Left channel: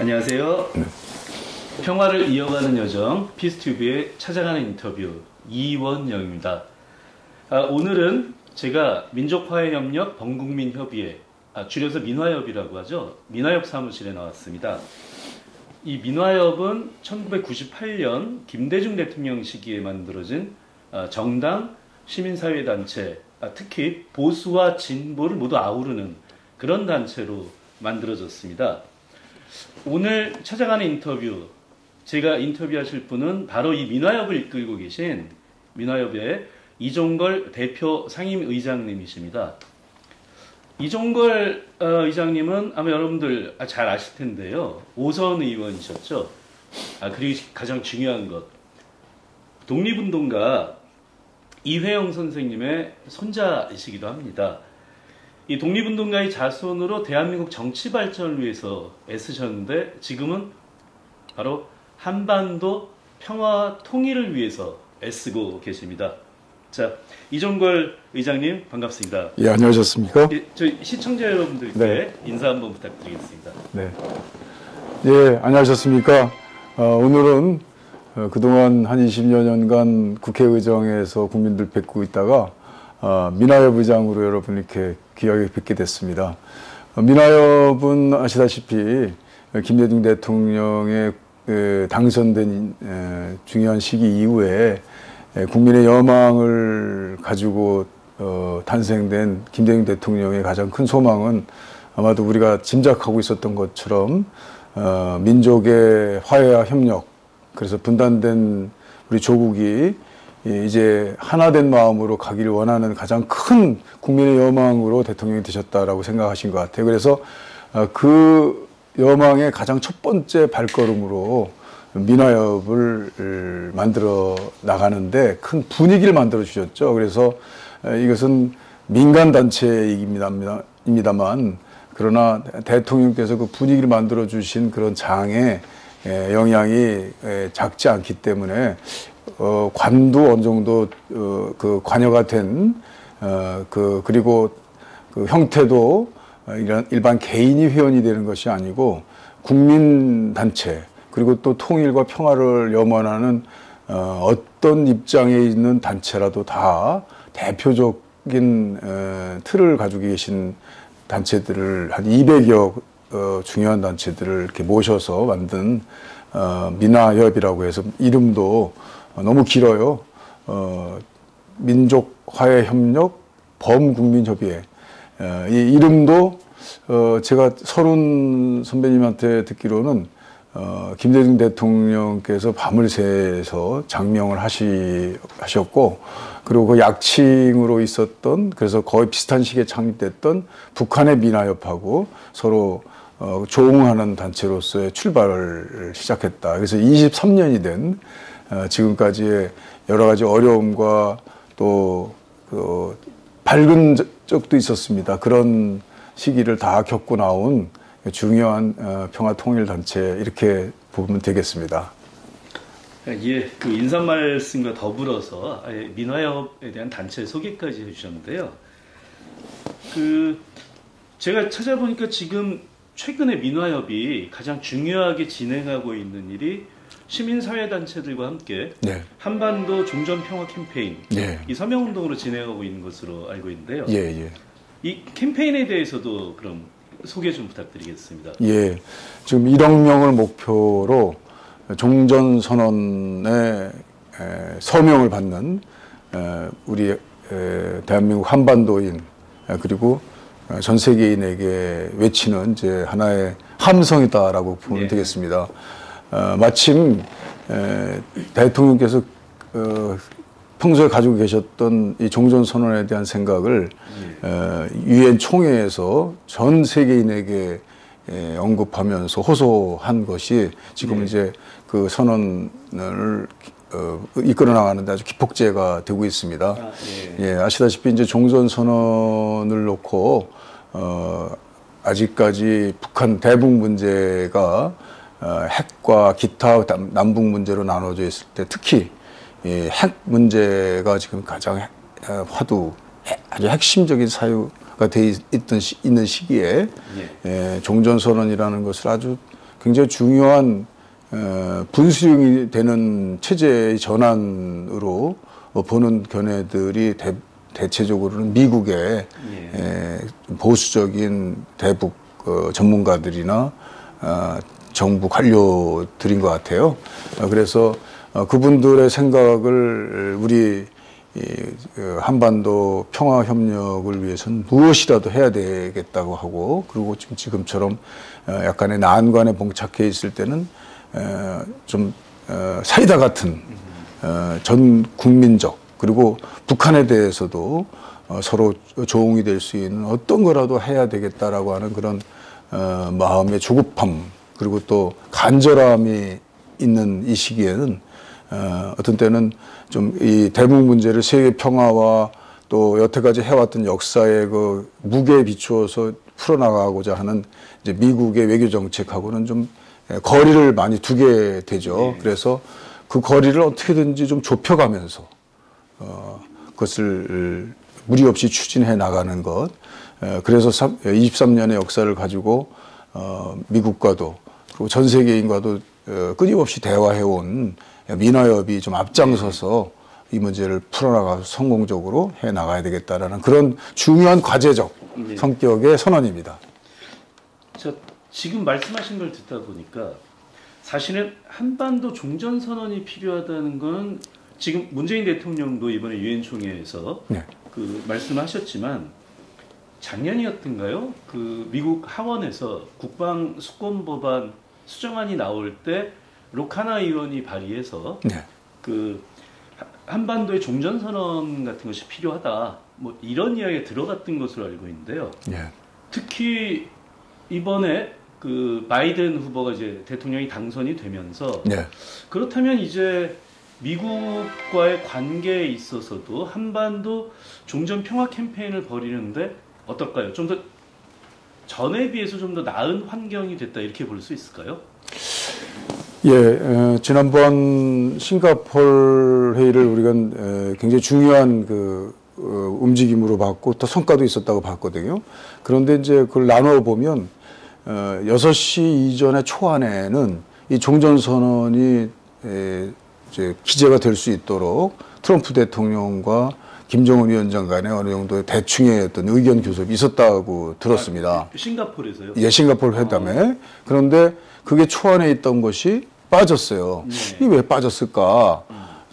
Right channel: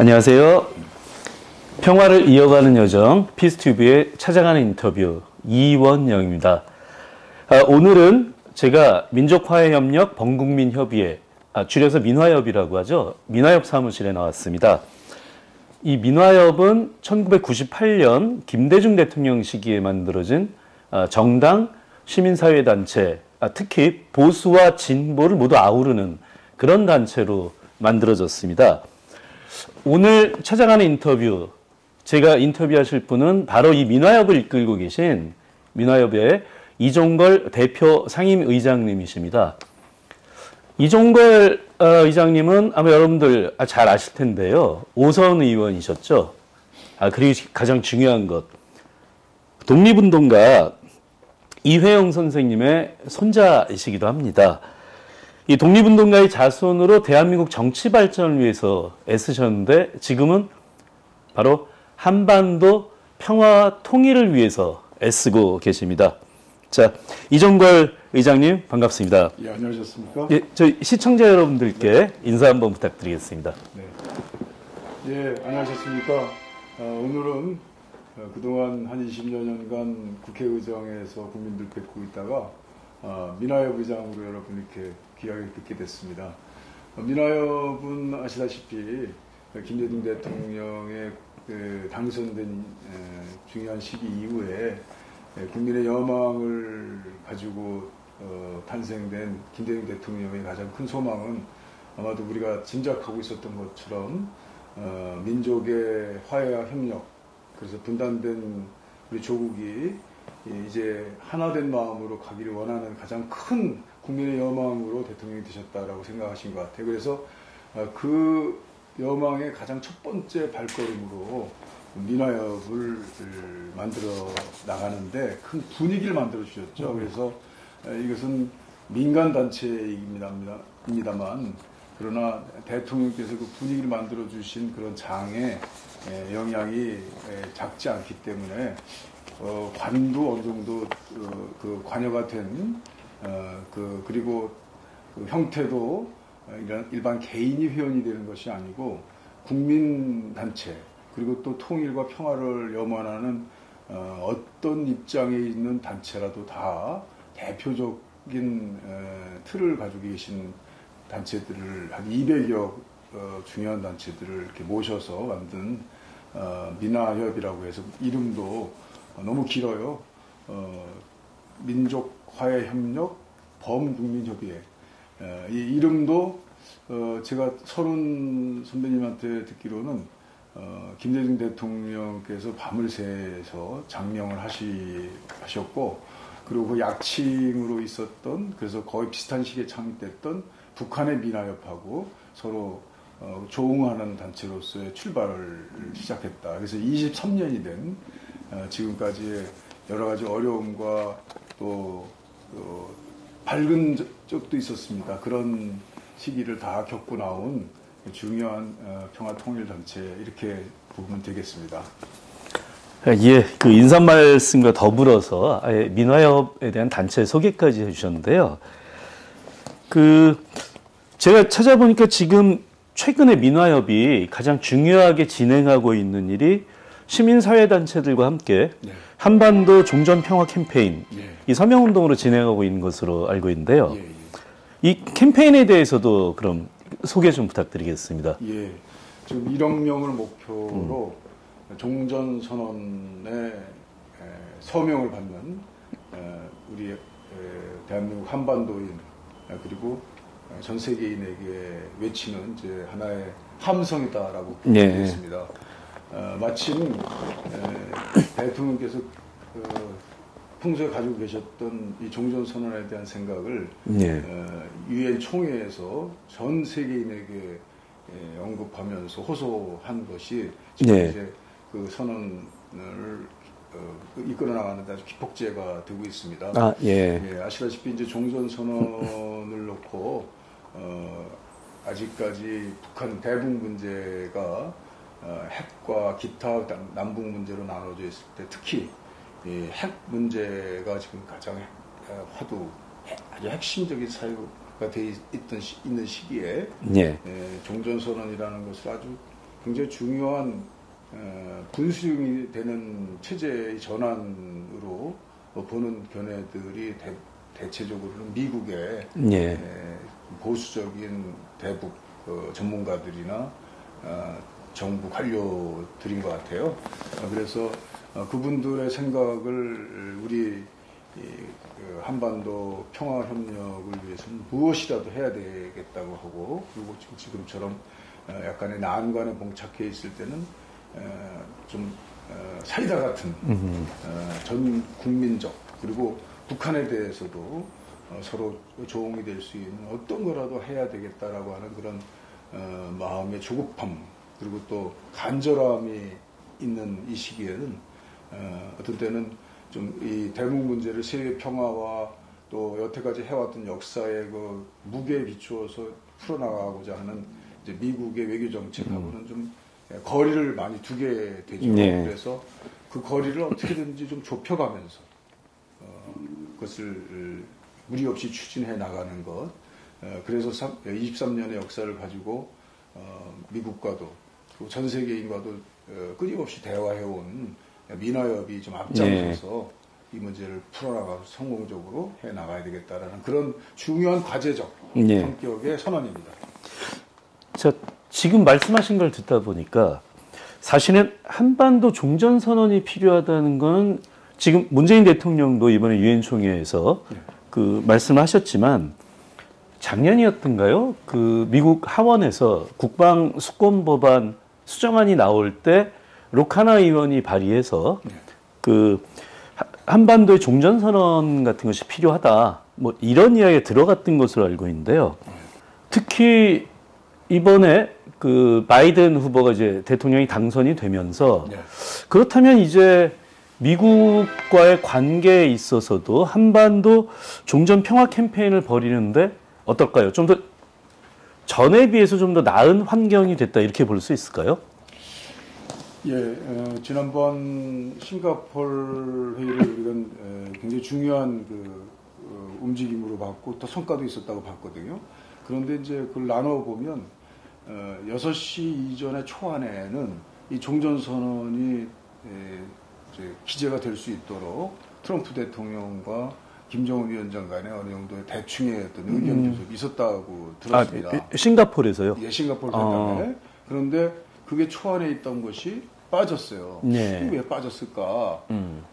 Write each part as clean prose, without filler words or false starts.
안녕하세요. 평화를 이어가는 여정 피스튜브에 찾아가는 인터뷰 이원영입니다. 오늘은 제가 민족화해협력 범국민협의회, 줄여서 민화협이라고 하죠. 민화협 사무실에 나왔습니다. 이 민화협은 1998년 김대중 대통령 시기에 만들어진 정당, 시민사회단체, 특히 보수와 진보를 모두 아우르는 그런 단체로 만들어졌습니다. 오늘 찾아가는 인터뷰, 제가 인터뷰하실 분은 바로 이 민화협을 이끌고 계신 민화협의 이종걸 대표 상임의장님이십니다. 이종걸 의장님은 아마 여러분들 잘 아실 텐데요. 5선 의원이셨죠. 그리고 가장 중요한 것, 독립운동가 이회영 선생님의 손자이시기도 합니다. 이 독립운동가의 자손으로 대한민국 정치 발전을 위해서 애쓰셨는데 지금은 바로 한반도 평화와 통일을 위해서 애쓰고 계십니다. 자, 이종걸 의장님 반갑습니다. 예, 안녕하셨습니까? 예, 저희 시청자 여러분들께 인사 한번 부탁드리겠습니다. 네. 예, 안녕하셨습니까? 오늘은 그동안 한 20여 년간 국회의정에서 국민들 뵙고 있다가 민화협 의장으로 여러분 이렇게 귀하게 뵙게 됐습니다. 민화협은 아시다시피 김대중 대통령의 당선된 중요한 시기 이후에 국민의 여망을 가지고 탄생된 김대중 대통령의 가장 큰 소망은 아마도 우리가 짐작하고 있었던 것처럼 민족의 화해와 협력, 그래서 분단된 우리 조국이 이제 하나된 마음으로 가기를 원하는 가장 큰 국민의 여망으로 대통령이 되셨다라고 생각하신 것 같아요. 그래서 그 여망의 가장 첫 번째 발걸음으로 민화협을 만들어 나가는데 큰 분위기를 만들어 주셨죠. 그래서 이것은 민간 단체입니다만 그러나 대통령께서 그 분위기를 만들어 주신 그런 장에 영향이 작지 않기 때문에 관도 어느 정도 그 관여가 된 그리고 그 형태도 일반 개인이 회원이 되는 것이 아니고 국민 단체, 그리고 또 통일과 평화를 염원하는 어떤 입장에 있는 단체라도 다 대표적인 틀을 가지고 계신 단체들을 한 200여 중요한 단체들을 이렇게 모셔서 만든 민화협이라고 해서 이름도 너무 길어요. 민족화해협력 범국민협의회. 이 이름도 제가 서른 선배님한테 듣기로는 김대중 대통령께서 밤을 새서 장명을 하셨고, 그리고 그 약칭으로 있었던, 그래서 거의 비슷한 시기에 창립됐던 북한의 민화협하고 서로 조응하는 단체로서의 출발을 시작했다. 그래서 23년이 된 지금까지의 여러 가지 어려움과 또 밝은 적도 있었습니다. 그런 시기를 다 겪고 나온 중요한 평화통일단체, 이렇게 보면 되겠습니다. 예, 그 인사 말씀과 더불어서 민화협에 대한 단체 소개까지 해주셨는데요. 제가 찾아보니까 지금 최근에 민화협이 가장 중요하게 진행하고 있는 일이 시민사회단체들과 함께 한반도 종전평화 캠페인, 이 서명운동으로 진행하고 있는 것으로 알고 있는데요. 이 캠페인에 대해서도 그럼 소개 좀 부탁드리겠습니다. 예, 지금 1억 명을 목표로 종전선언의 서명을 받는 우리 대한민국 한반도인, 그리고 전 세계인에게 외치는 이제 하나의 함성이다라고 보면 되겠습니다. 마침 대통령께서 평소에 가지고 계셨던 이 종전선언에 대한 생각을 유엔 총회에서 전 세계인에게 언급하면서 호소한 것이 지금 이제 그 선언을 이끌어 나가는데 아주 기폭제가 되고 있습니다. 아시다시피 이제 종전선언을 놓고 아직까지 북한 대북 문제가 핵과 기타 남북 문제로 나눠져 있을 때 특히 핵 문제가 지금 가장 아주 핵심적인 사유가 돼 있는 시기에 종전선언이라는 것을 아주 굉장히 중요한 분수령이 되는 체제의 전환으로 보는 견해들이 대체적으로는 미국의 보수적인 대북 전문가들이나 정부 관료들인 것 같아요. 그래서 그분들의 생각을 우리 한반도 평화 협력을 위해서는 무엇이라도 해야 되겠다고 하고, 그리고 지금처럼 약간의 난관에 봉착해 있을 때는 좀 사이다 같은 전 국민적, 그리고 북한에 대해서도 서로 조응이 될 수 있는 어떤 거라도 해야 되겠다라고 하는 그런 마음의 조급함, 그리고 또 간절함이 있는 이 시기에는 어떤 때는 좀 이 대북 문제를 세계 평화와 또 여태까지 해왔던 역사의 그 무게에 비추어서 풀어나가고자 하는 이제 미국의 외교 정책하고는 좀 거리를 많이 두게 되죠. 그래서 그 거리를 어떻게든지 좀 좁혀가면서 그것을 무리 없이 추진해 나가는 것. 그래서 23년의 역사를 가지고 미국과도 그리고 전 세계인과도 끊임없이 대화해온 민화협이 좀 앞장서서 이 문제를 풀어나가서 성공적으로 해 나가야 되겠다라는 그런 중요한 과제적 성격의 선언입니다. 자, 지금 말씀하신 걸 듣다 보니까 사실은 한반도 종전선언이 필요하다는 건 지금 문재인 대통령도 이번에 유엔 총회에서 그 말씀하셨지만 작년이었던가요? 그 미국 하원에서 국방 수권 법안 수정안이 나올 때 로카나 의원이 발의해서 그 한반도의 종전선언 같은 것이 필요하다. 뭐 이런 이야기가 들어갔던 것으로 알고 있는데요. 특히 이번에 그 바이든 후보가 이제 대통령이 당선이 되면서 그렇다면 이제 미국과의 관계에 있어서도 한반도 종전 평화 캠페인을 벌이는데 어떨까요? 좀 더 전에 비해서 좀 더 나은 환경이 됐다 이렇게 볼 수 있을까요? 지난번 싱가포르 회의를 우리가 굉장히 중요한 그 움직임으로 봤고 또 성과도 있었다고 봤거든요. 그런데 이제 그걸 나눠 보면 6시 이전의 초안에는 이 종전선언이 이제 기재가 될 수 있도록 트럼프 대통령과 김정은 위원장 간에 어느 정도의 대충의 어떤 의견 교섭이 있었다고 들었습니다. 싱가포르에서요? 예, 싱가포르 회담에. 그런데 그게 초안에 있던 것이 빠졌어요. 이게 왜 빠졌을까?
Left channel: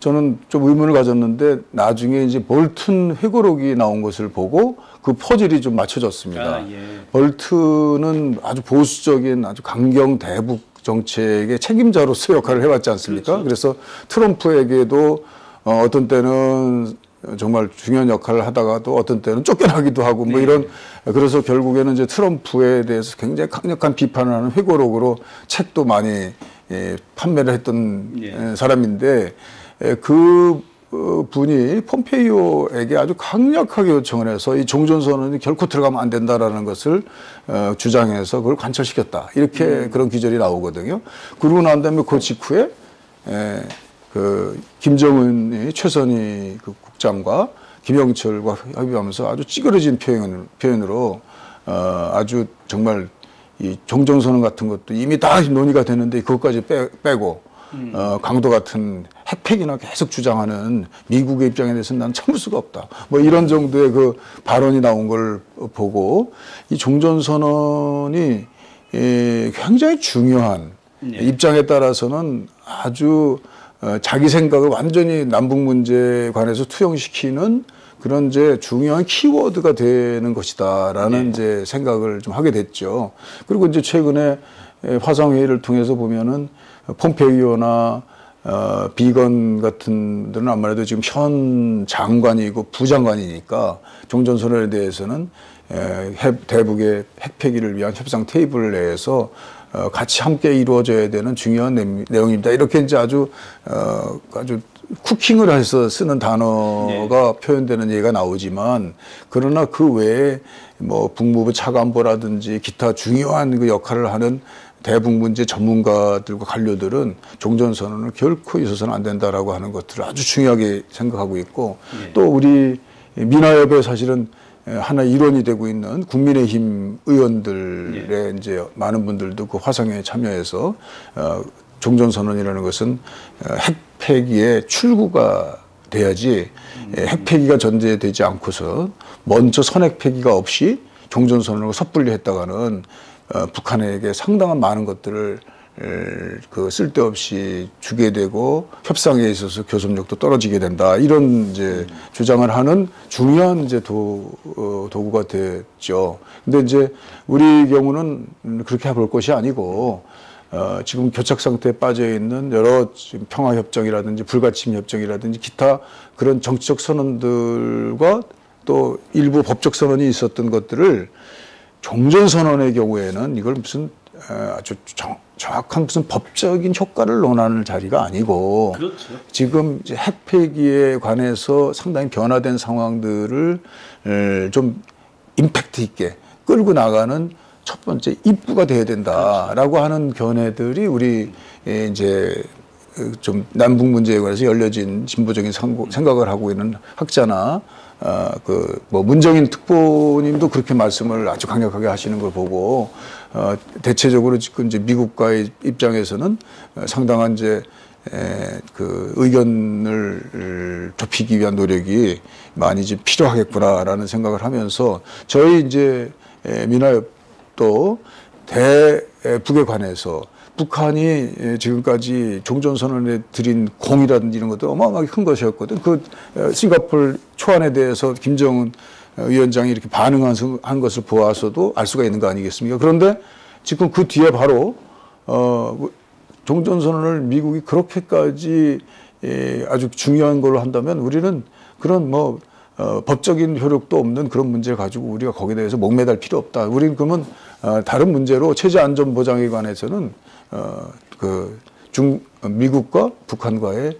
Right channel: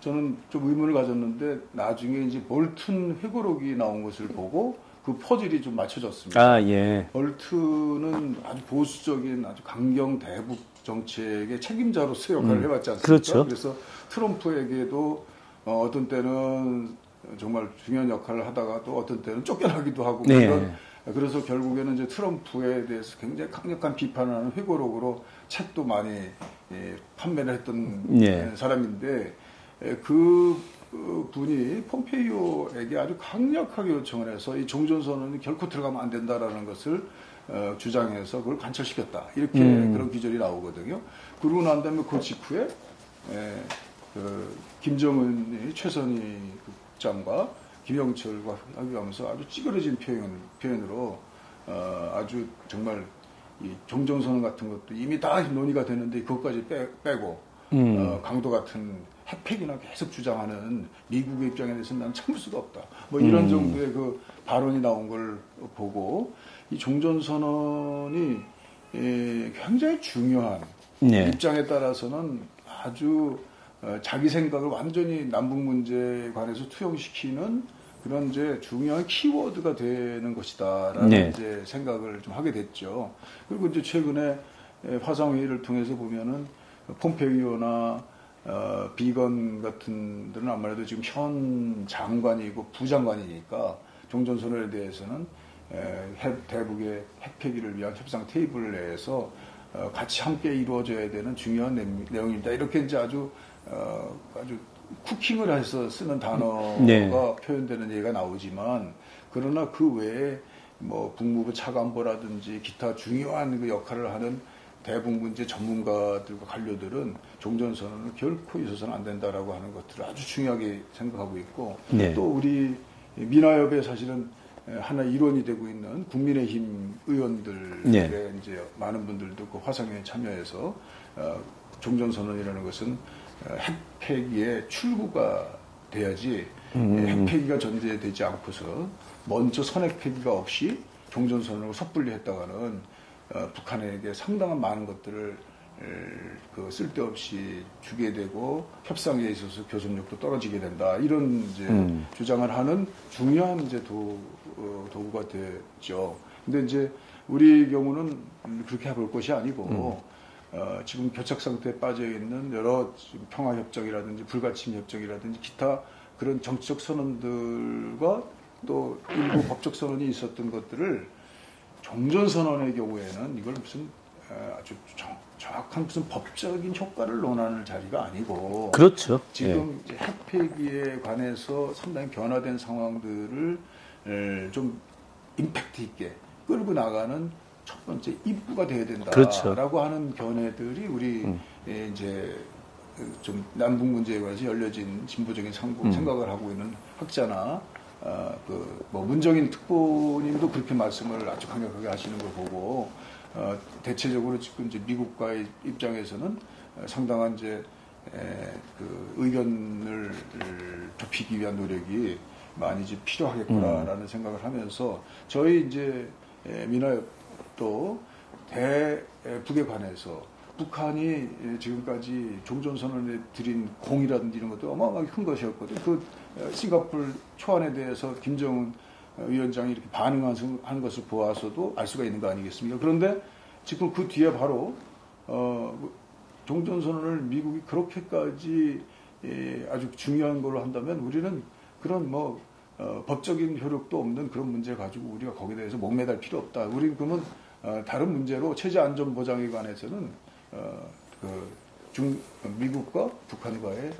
저는 좀 의문을 가졌는데 나중에 이제 볼튼 회고록이 나온 것을 보고 그 퍼즐이 좀 맞춰졌습니다. 볼튼은 아주 보수적인 아주 강경 대북 정책의 책임자로서 역할을 해왔지 않습니까? 그렇죠. 그래서 트럼프에게도 어떤 때는 정말 중요한 역할을 하다가도 어떤 때는 쫓겨나기도 하고 뭐 이런, 그래서 결국에는 이제 트럼프에 대해서 굉장히 강력한 비판을 하는 회고록으로 책도 많이 판매를 했던 사람인데 그 분이 폼페이오에게 아주 강력하게 요청을 해서 이 종전선언이 결코 들어가면 안 된다라는 것을 주장해서 그걸 관철시켰다. 이렇게 그런 기절이 나오거든요. 그러고 난 다음에 그 직후에 그 김정은이 최선희 그 국장과 김영철과 협의하면서 아주 찌그러진 표현으로 아주 정말 이 종전선언 같은 것도 이미 다 논의가 되는데 그것까지 빼고 강도 같은 핵폐기나 계속 주장하는 미국의 입장에 대해서는 난 참을 수가 없다. 뭐 이런 정도의 그 발언이 나온 걸 보고 이 종전선언이 굉장히 중요한 입장에 따라서는 아주 자기 생각을 완전히 남북 문제에 관해서 투영시키는 그런 이제 중요한 키워드가 되는 것이다라는 이제 생각을 좀 하게 됐죠. 그리고 이제 최근에 화상회의를 통해서 보면은 폼페이오나 비건 같은 데는 아무래도 지금 현 장관이고 부장관이니까 종전선언에 대해서는 대북의 핵폐기를 위한 협상 테이블 내에서 같이 함께 이루어져야 되는 중요한 내용입니다. 이렇게 이제 아주 쿠킹을 해서 쓰는 단어가 표현되는 얘기가 나오지만, 그러나 그 외에 뭐 북무부 차관보라든지 기타 중요한 그 역할을 하는 대북 문제 전문가들과 관료들은 종전선언을 결코 있어서는 안 된다라고 하는 것들을 아주 중요하게 생각하고 있고, 또 우리 민화협에 사실은 하나의 일원이 되고 있는 국민의힘 의원들의 네. 이제 많은 분들도 그 화상회에 참여해서 종전선언이라는 것은 핵 폐기의 출구가 돼야지 핵 폐기가 전제되지 않고서 먼저 선핵 폐기가 없이 종전선언을 섣불리 했다가는 북한에게 상당한 많은 것들을 그 쓸데없이 주게 되고 협상에 있어서 교섭력도 떨어지게 된다 이런 이제 주장을 하는 중요한 이제 도구가 됐죠. 근데 이제 우리 경우는 그렇게 볼 것이 아니고 지금 교착 상태에 빠져 있는 여러 평화 협정이라든지 불가침 협정이라든지 기타 그런 정치적 선언들과 또 일부 법적 선언이 있었던 것들을 종전 선언의 경우에는 이걸 무슨 아주 정확한 무슨 법적인 효과를 논하는 자리가 아니고 그렇죠. 지금 이제 핵 폐기에 관해서 상당히 변화된 상황들을 좀 임팩트 있게 끌고 나가는 첫 번째 입구가 돼야 된다라고 그렇죠. 하는 견해들이 우리 이제 좀 남북 문제에 관해서 열려진 진보적인 생각을 하고 있는 학자나 그 뭐 문정인 특보님도 그렇게 말씀을 아주 강력하게 하시는 걸 보고 대체적으로 지금 이제 미국과의 입장에서는 상당한 이제 그 의견을 좁히기 위한 노력이 많이 이제 필요하겠구나라는 생각을 하면서 저희 이제 민화협도 대북에 관해서 북한이 지금까지 종전선언에 들인 공이라든지 이런 것도 어마어마하게 큰 것이었거든. 그 싱가포르 초안에 대해서 김정은 위원장이 이렇게 반응한 것을 보아서도 알 수가 있는 거 아니겠습니까? 그런데 지금 그 뒤에 바로 종전선언을 미국이 그렇게까지 아주 중요한 걸로 한다면 우리는 그런 뭐 법적인 효력도 없는 그런 문제를 가지고 우리가 거기에 대해서 목매달 필요 없다. 우리는 그러면 다른 문제로 체제 안전 보장에 관해서는 미국과 북한과의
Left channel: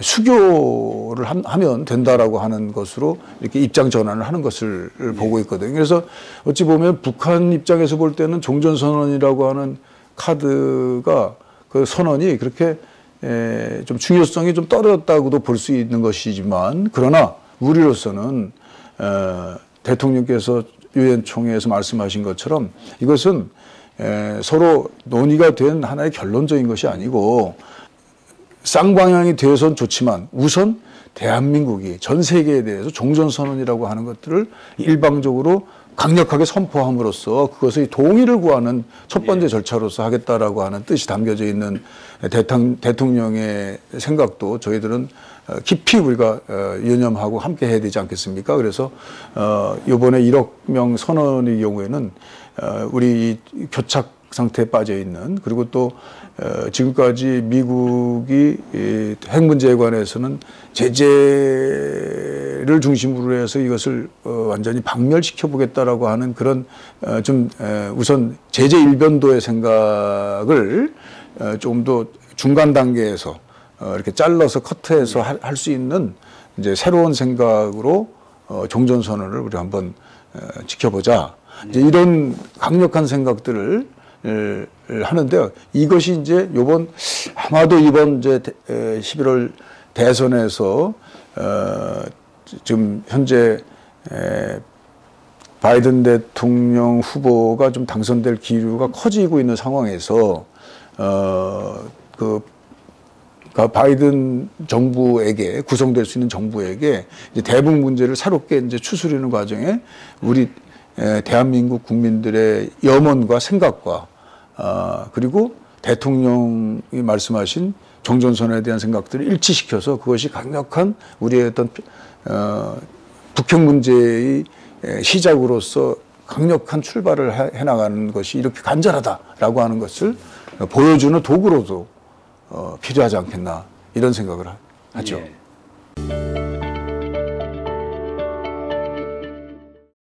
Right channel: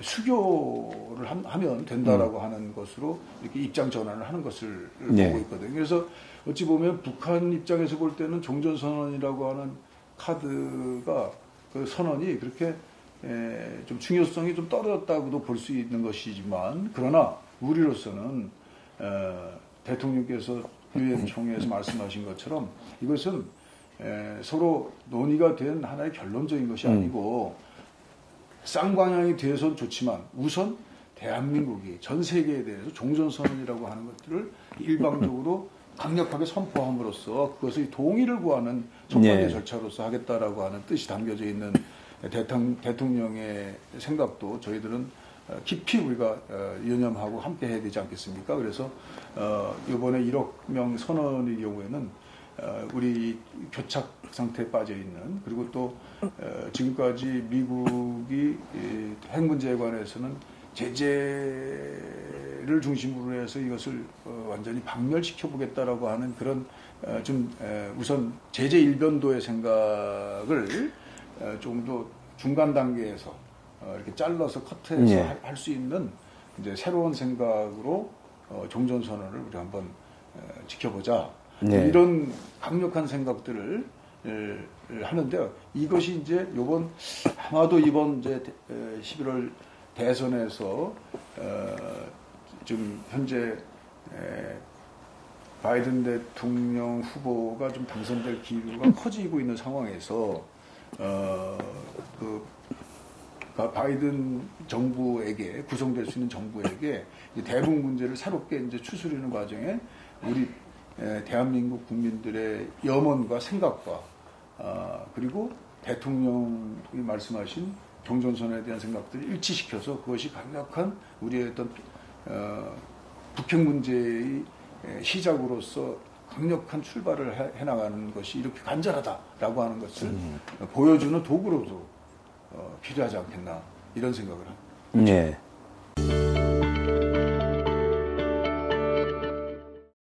수교를 하면 된다라고 하는 것으로 이렇게 입장 전환을 하는 것을 보고 있거든요. 그래서 어찌 보면 북한 입장에서 볼 때는 종전선언이라고 하는 카드가 그 선언이 그렇게 좀 중요성이 좀 떨어졌다고도 볼 수 있는 것이지만 그러나 우리로서는 대통령께서 유엔 총회에서 말씀하신 것처럼 이것은 서로 논의가 된 하나의 결론적인 것이 아니고 쌍방향이 되어서는 좋지만 우선 대한민국이 전 세계에 대해서 종전선언이라고 하는 것들을 일방적으로 강력하게 선포함으로써 그것의 동의를 구하는 첫 번째 절차로서 하겠다라고 하는 뜻이 담겨져 있는 대통령의 생각도 저희들은 깊이 우리가 유념하고 함께 해야 되지 않겠습니까? 그래서 이번에 1억 명 선언의 경우에는 우리 교착 상태에 빠져 있는 그리고 또 지금까지 미국이 핵 문제에 관해서는 제재를 중심으로 해서 이것을 완전히 박멸시켜 보겠다라고 하는 그런 좀 우선 제재 일변도의 생각을 좀 더 중간 단계에서 이렇게 잘라서 커트해서 할 수 있는 이제 새로운 생각으로 종전선언을 우리 한번 지켜보자. 이제 이런 강력한 생각들을 하는데요. 이것이 이제 아마도 이번 이제 11월 대선에서 지금 현재 바이든 대통령 후보가 좀 당선될 기류가 커지고 있는 상황에서 바이든 정부에게 구성될 수 있는 정부에게 이제 대북 문제를 새롭게 이제 추스르는 과정에 우리 대한민국 국민들의 염원과 생각과 그리고 대통령이 말씀하신 종전선언에 대한 생각들을 일치시켜서 그것이 강력한 우리의 어떤 북핵 문제의 시작으로서 강력한 출발을 해나가는 것이 이렇게 간절하다라고 하는 것을 보여주는 도구로도 필요하지 않겠나 이런 생각을 하죠. 네.